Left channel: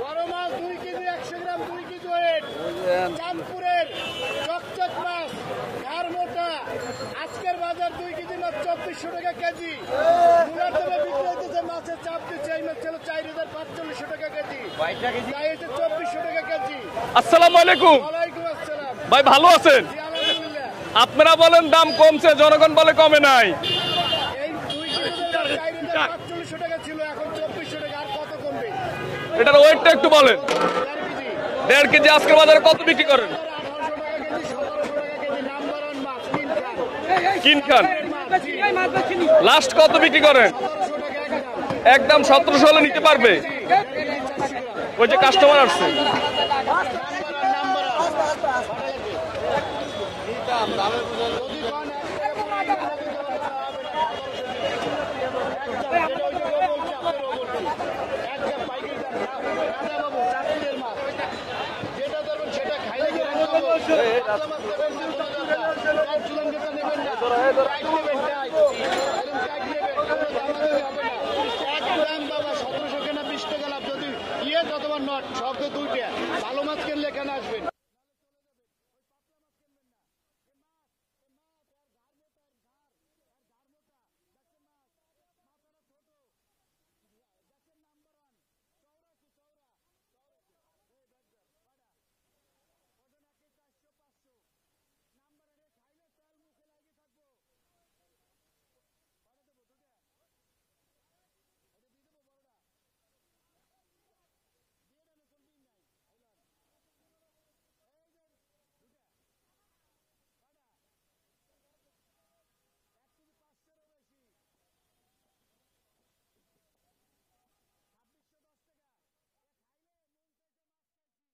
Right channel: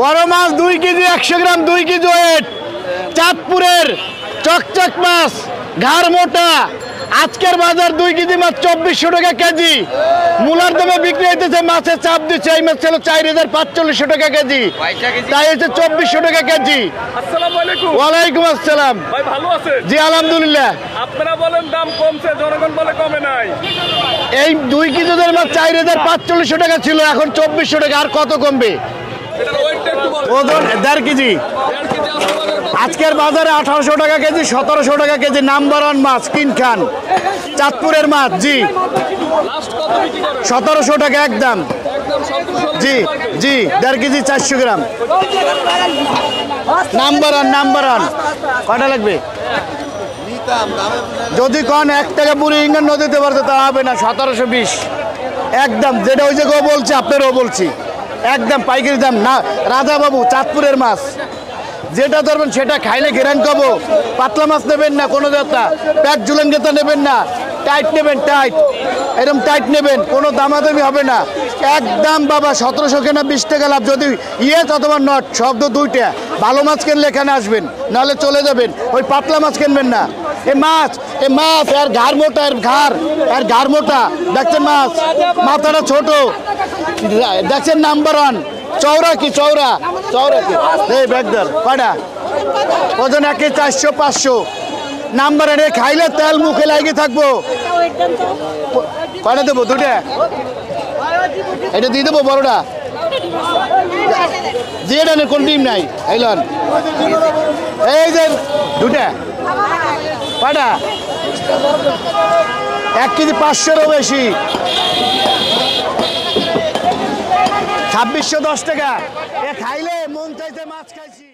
বড় মাছ 2 কেজি 100 গ্রাম 2 KG wait চাঁদপুরের চকচক মাছ ঘাড় মোটা আজকের বাজার 2 কেজি মাছ 2400 টাকা কেজি মূলার দামে বিক্রি হইতেছে মাছের চাপ দিচ্ছে এই মাছ ছিল 4500 টাকা কেজি তাই হচ্ছে 2400 টাকা কেজি। আসসালামু আলাইকুম। ওয়ালাইকুম আসসালাম। ভাই ভালো আছেন? জি আলহামদুলিল্লাহ। আপনারা বলেন দাম কমছে, জনগণ বলে কমে নাই। এই 2 কেজিদের মাছ 4500 টাকা ছিল এখন 2400 টাকা আর কত কমবে? এটার ওয়েটটা একটু বলেন। ওজন 1.5 কেজি। 1.5 কেজি আজকে বাজারে কত? আজকের বাজারে 1800 টাকা কেজি 1700 টাকা কেজি নাম্বার 1 মাছ কিন খান চাঁদপুরের মাছ। জি লাস্ট কত বিক্রি করে? 1700 টাকা একদম। একদম 1700 হলে জি দিতে পারবে? জি 1.5 কেজি 400 গ্রাম ওই যে কাস্টমার নাম্বার 1 কয়টা লাগবে? যদি কোন 1 টাকা পুরো ইঙ্গন নদীতে পারতে তা হবে না 1720 একদম। যেটা ওই যে গো বলছি আপনারও বলছি একদম পাইকারি দাম না। রাজা বাবু চাঁদপুরের মাছ যেটা ধরবেন সেটা খাইলে ঘেরান কবো। পাতলা মাছ নেবেন না কোনো দাতা প্যাট ঝুলেঙ্গেতা নেবেন না টাইট নেবেন টাইট এরকম টাইট নেবেন কোনো দামাদামি হবে না একদম বাবা 1700 কেনা 20 টাকা লাভ। যদি অথবা নট শব্দ 2টা ভালো মাছ কিনলে এখানে আসবেন নাহলে চলে যাবেন। ওই পাতলা মাছ কিনবেন না। এ মাছ এর ঘাড় মোটা এর ঘাড় মোটা দেখছেন মাছ মাথাটা ছোট দেখছেন নাম্বার 1 চৌরা কি এই ব্যাগদার কয়টা ওজন 1 কেজি 400 500 নাম্বার এনে খাইলে তেল মুখে লাগিয়ে থাকবো। কয়টা দেবো? 2টা এটা দিয়ে দেবো বড়টা দিয়ে দেন কোন ডিম নাই এইলন এই যে 2টা কয়টা 1 কেজি 500-এরও বেশি 2610 টাকা। এ খাইলে মন চাইছে মাছ খাইছি।